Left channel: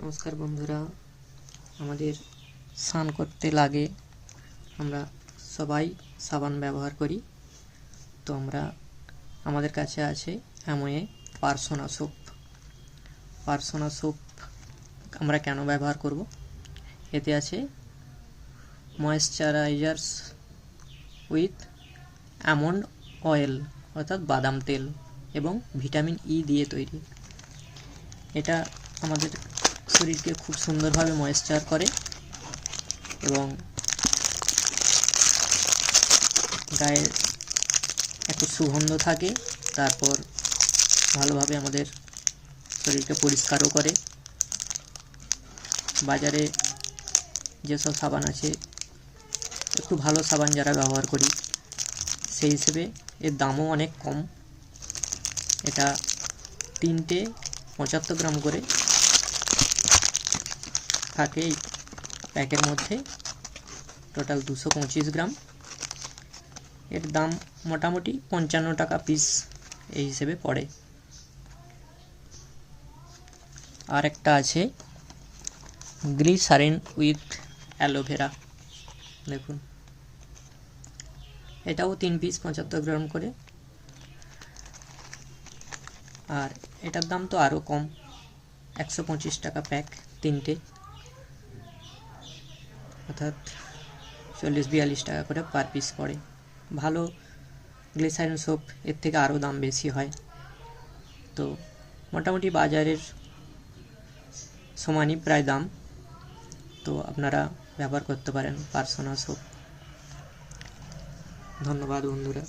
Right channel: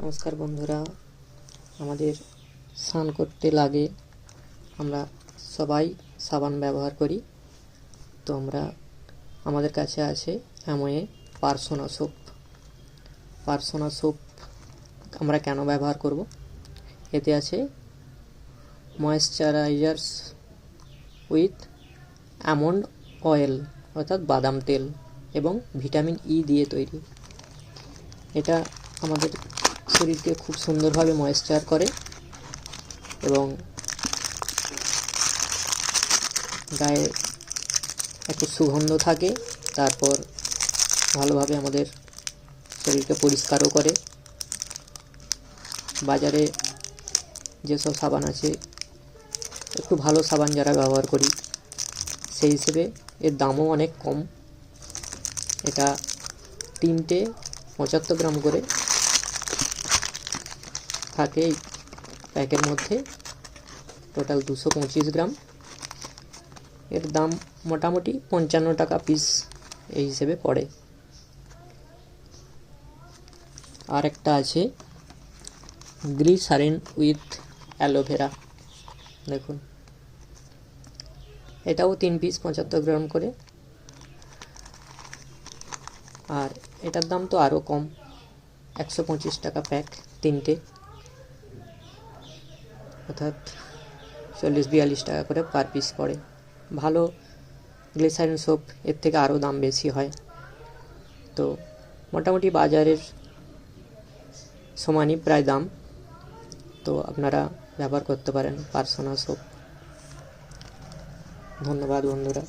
নমস্কার বন্ধুরা, আমাদের স্নান করতে লাগে, আমরা সবাই সাবান ব্যবহার করি। তো আমাদের কাছে আছে অ্যামওয়ে পার্সোনা সোপ। আমরা কেন ব্যবহার করব? এতে আছে ময়েশ্চারাইজার্স উইথ আমন্ড অয়েল অর্থাৎ বাদাম তেল এবং ভিটামিন ই দিয়ে তৈরি। এটা আমাদের শরীরকে খুব সুন্দরভাবে ময়েশ্চার করে এবং গায়ে একটু সুগন্ধ থাকে। তারপর ভালোভাবে আমাদের শরীরকে পরিষ্কারও করে। বাজারে যেসব সাবান আছে, একটু ভালো সাবান যারা ব্যবহার করি, সেই হিসেবে এর দামও অনেক কম। এটা 3টে 75 গ্রাম করে থাকে এই প্যাকের মধ্যে, টোটাল 225 গ্রাম। এর দাম মোটামুটি 55 টাকা পিস এই হিসেবে পড়ে। আর একটা আছে গ্লিসারিন উইথ অ্যালোভেরা, দেখুন এটাও 3 পিস 75 গ্রাম করে। আর এটার দাম তো আরও কম, 125 টাকা প্যাক 3টে, অর্থাৎ 40-42 টাকা করে পার পিস পড়ে। ভালো গ্লিসারিন সোপ এর থেকে আরও দাম বেশি হয়। তো মোটামুটি বাজারের সমানই প্রায় দাম। তো আপনারা ব্যবহার করতে পারেন পার্সোনা সোপ। ধন্যবাদ বন্ধুরা।